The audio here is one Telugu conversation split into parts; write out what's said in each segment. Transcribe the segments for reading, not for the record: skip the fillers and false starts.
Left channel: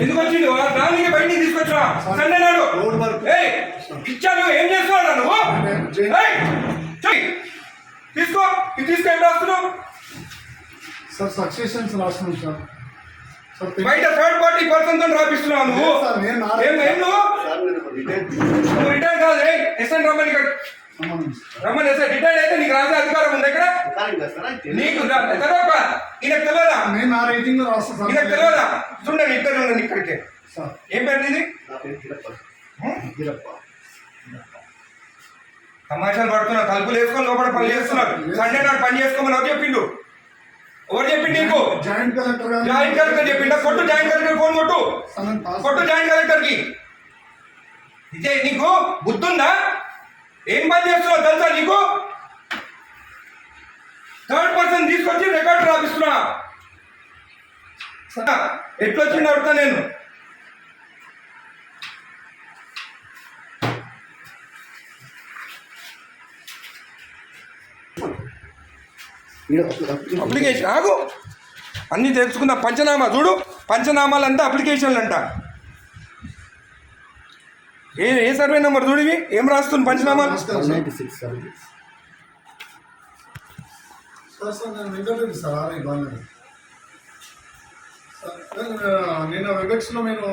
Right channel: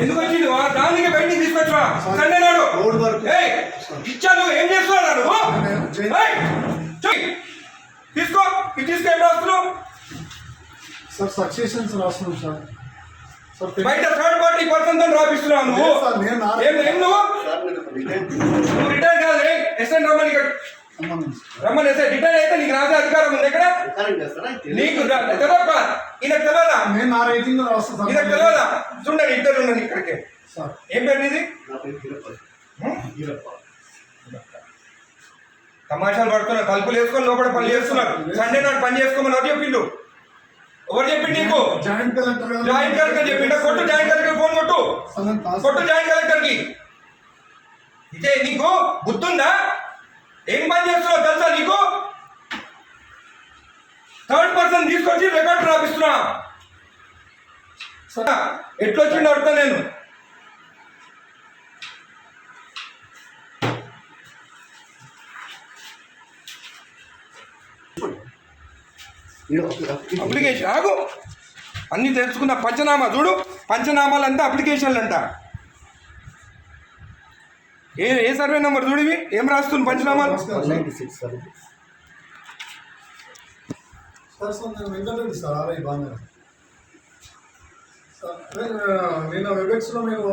ఎందుకు వచ్చింది దానికి బయటికి తీసుకొచ్చా సండే నాడు ఇచ్చాను. ఏం చేస్తున్నాడు నువ్వు? తీసుకో ఇది తీసుకో. ఏం రాస్తున్నావు సార్? సక్సెషన్స్ రాస్తున్నాం సార్. బయట థర్డ్ పార్టీ పర్సన్ తో రాపిస్తున్నావు నువ్వు. నువ్వు రిటైర్ కాదు. ఎస్ఎన్ రమ్మని రమ్మని వేస్తే రిటైర్ అయితే నీకు రాసే అధికారం ఉంది ఇక్కడ. నీకు తెలియదా? ఈయనకు తెలియదా? ఈయనకు తెలియదా? చూడండి ఇద్దరు ఉండండి ఇక్కడికి. ఏం పేరు ఇది? తమాషాలు పడుతున్నా. తలుపులు వేసుకొని లోపల పని చేస్తున్నారు. సండే నాడు పని చేసుకోమని ఎవరు చెప్పిండు? ఎవరు చెప్పిండు నీకు? జాయింట్ కలెక్టర్ చెప్పిండా? కొట్టు జాయింట్ కలెక్టర్ ఫోన్ కొట్టు. కొట్టు జాయింట్ కలెక్టర్ కి. ఇదే నీకు బుద్ధుందా? ఏం పని చేస్తున్నావు తెలుసా నీకు? థర్డ్ పర్సన్ తీసుకొచ్చి రికార్డు రాపిస్తున్నా. ఎట్లొచ్చిండు అడుగుతా నేను. అప్లికేషన్ ఆగు. అన్నీ తెలుసుకున్న పంచనామా చూడు. పంచనామాలంతా అప్లికేషన్లు అంట. ఏ సర్వే నెంబర్ చూడివి? ఏం రాస్తుంది పంచనామాలు? నేను వెబెక్స్ లో నేను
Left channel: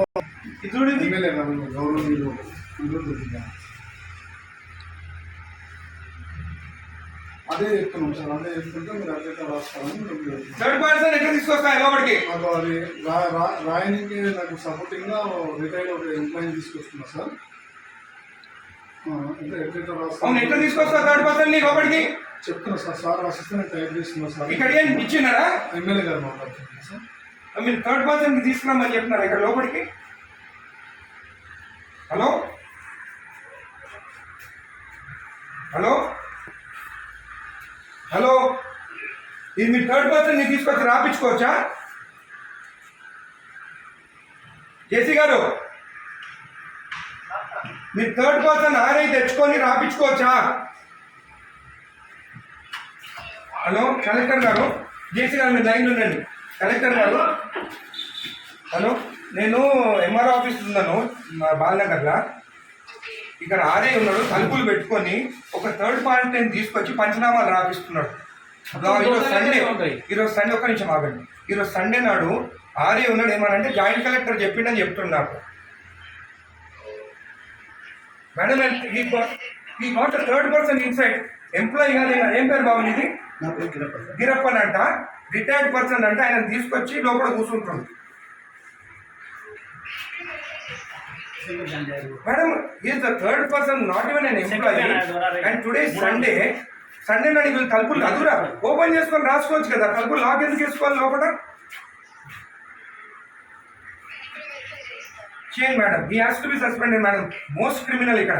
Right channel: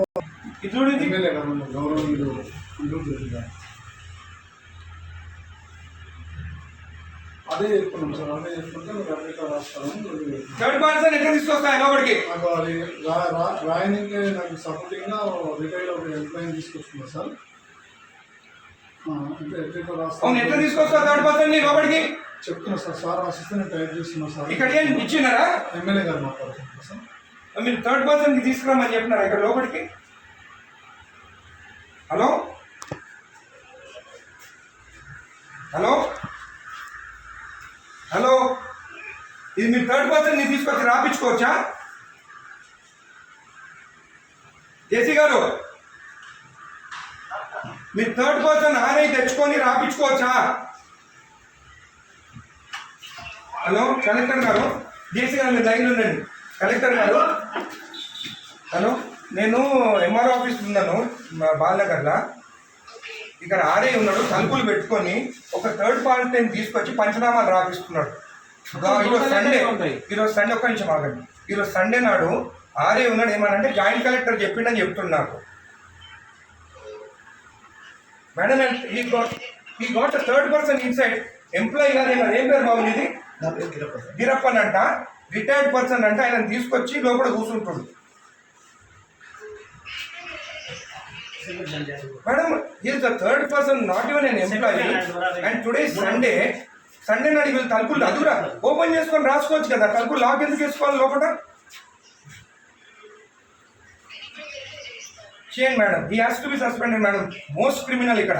అదే చెప్తున్నాం సార్. అదే చెప్తుంటే మీరు అట్లా రాస్తాను. థర్డ్ పర్సన్ ఎక్కడ తీసుకొస్తాయి లోపలికి? రాయనికి నాకు సపోర్టింగ్ గా రిటైల్ ఒక ఎంప్లాయీ తీసుకొస్తున్నా సార్. అవును, ఎట్లా తీసుకొస్తా థర్డ్ పర్సన్ ని లోపలికి? చెప్తున్నా సార్. సార్ రాసిస్తే నేను టైప్ చేస్తున్నా సార్. ఇక్కడ ఏం ఇచ్చినారా? ఎమ్మెల్యే గారు మాట్లాడుతున్నా సార్. మీరు థర్డ్ పర్సన్ కి తీసుకురామని చెప్పినారా ఇక్కడ లోపలికి? హలో హలో హలో, ఇది మీ థర్డ్ పర్సన్ ని తీసుకొచ్చి రాపించుకోవచ్చా? జేసీ గారు, మీరు థర్డ్ పర్సన్ ఆర్ఐ తెచ్చుకొని రాపించుకోవచ్చా? హలో కలెక్టర్ గారు, జేసీ గారు మీరు లైన్లో ఉండండి. కలెక్టర్ గారు, హలో, నేను ఎంఆర్ఓ ఆఫీస్ ఉన్నాను మా బాలనగర్లో. ఇక్కడ ఆర్ఐ ఉన్నాడు, తలుపులు పెట్టుకొని ఒక థర్డ్ పార్టీని తీసుకొచ్చి పంచనామాలు రాపిస్తున్నాడు. ఈరోజు సండే ఒక్క నిమిషం ఆగండి. ఈరోజు సండే నాడు ఆర్ఐ ఉన్నాడు. ఏమనంటే జాయింట్ కలెక్టర్ చెప్పిండని చెప్తున్నాడు. మేడం ఈ గోట్ థర్డ్ పర్సన్ ఇన్సైడ్ ఎంప్లాయీ కాదు. ఏం పేరు బాబు ఇది? గిరప్పన్ అంట, రిటైర్డ్ పర్సన్ అంటే. ఆయన తీసుకొచ్చి లోపల కూర్చుంటుంది. Madam, he is the third person, not even an employee. And today is Sunday. Sunday నాడు వీళ్ళు తలుపులు అదురా ఓపెన్ చేసుకొని రాసుకోవచ్చు కదా. తలుపులు లాక్ ఎందుకు వేసుకోవాలి లోపల? చేయండి madam. He has to be suspended madam. Most criminal ఇక్కడ.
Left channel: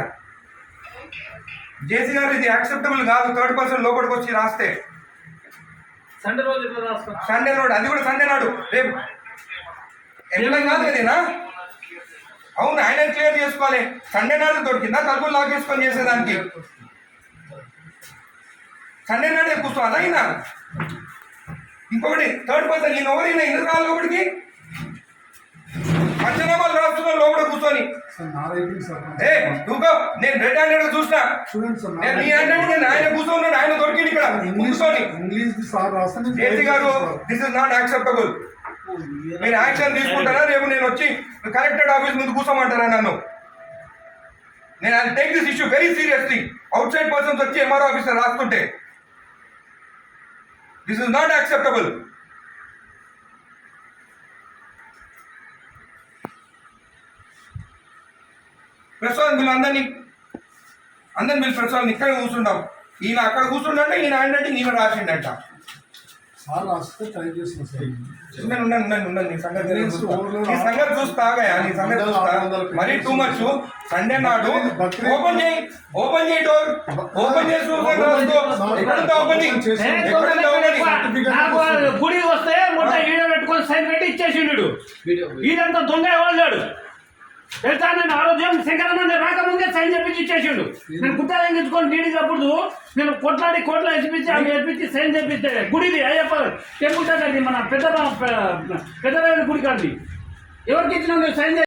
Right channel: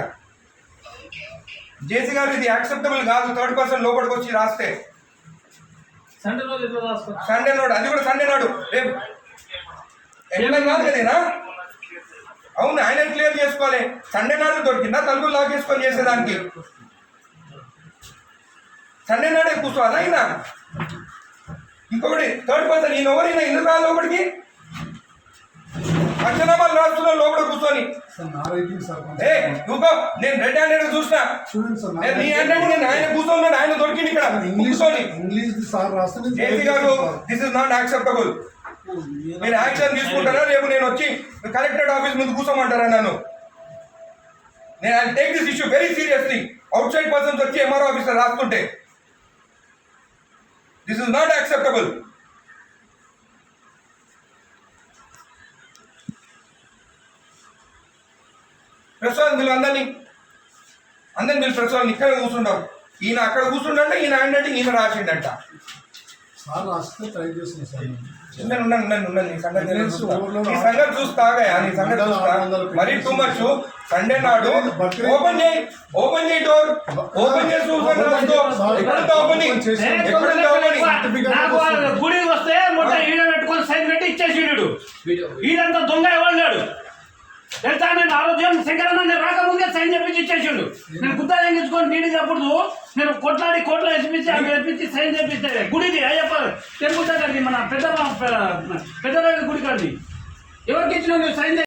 జేసీ గారు, ఇది యాక్సెప్టబుల్ కాదు. థర్డ్ పర్సన్ లోపలికి వచ్చి రాస్తే. సండే నాడు, అది కూడా సండే నాడు. రేపు ఎంప్లాయీ కాదు కదేనా? అవును, ఆయన క్లియర్ చేసుకోవాలి. సండే నాడు దొరికిందా తలుపులు లాక్ చేసుకొని చేసేదానికి? సండే నాడే కూర్చోవాలా ఆయన? ఇంకొకటి థర్డ్ పర్సన్, ఈయన ఎవరైనా ఎందుకు రాలి లోపలికి? పంచనామాలు రాస్తున్నా లోపల కూర్చొని. నువ్వు నేను రెడ్ హ్యాండెడ్ చూసినా. నీ హ్యాండెడ్ నేను ఆయన కూర్చోన్నాడు. ఆయన దొరికింది ఇక్కడ కూర్చొని. జేసీ గారు, దిస్ ఇస్ నాట్ యాక్సెప్టబుల్. మీరు యాక్షన్ తీసుకుంటారా? రేపు నేను వచ్చి కలెక్టరేట్ ఆఫీస్ ముందు కూర్చోమంటారా నన్ను? నేను I take this issue very seriously. Outside persons వచ్చి ఎంఆర్ఓ ఆఫీసర్ రాస్తుంటే this is not acceptable. Prasad వీళ్ళు అందరినీ వీళ్ళు ప్రసాద్ ఇక్కడ కూర్చుంటాం. ఈయన అక్కడ కూర్చుంటే ఈయన హ్యాండ్ అంటే ఈయన రాసిండంట. నీ సంగతి చూస్తాగా, నీ సంగతి చూస్తా. మరీ టూ మచ్. సండే నాడు ఓపెన్ చేయి డోర్. ఓపెన్ చేసి గుడికి వస్తే మొత్తం ఈడ పెట్టుకొని సైన్ పెట్టి ఇచ్చేసిండు. ఈడంతా దొంగ ఎవరు తెలుసా నేను ఆ రోజు శంకరన్న రాకముందే సైన్ చేపించి ఇచ్చేసిండు. నేను గుద్దా ఎంగించుకొని నీడినప్పుడు నేను కొట్లాడి కోట్ల వేసిపించి అవి వేపించి సైన్ చేపిస్తే గుడిది అయ్యప్ప టెంపుల్ దగ్గరది మన పెద్ద గుడి కాదు ఎవరికి ఇచ్చిన సైన్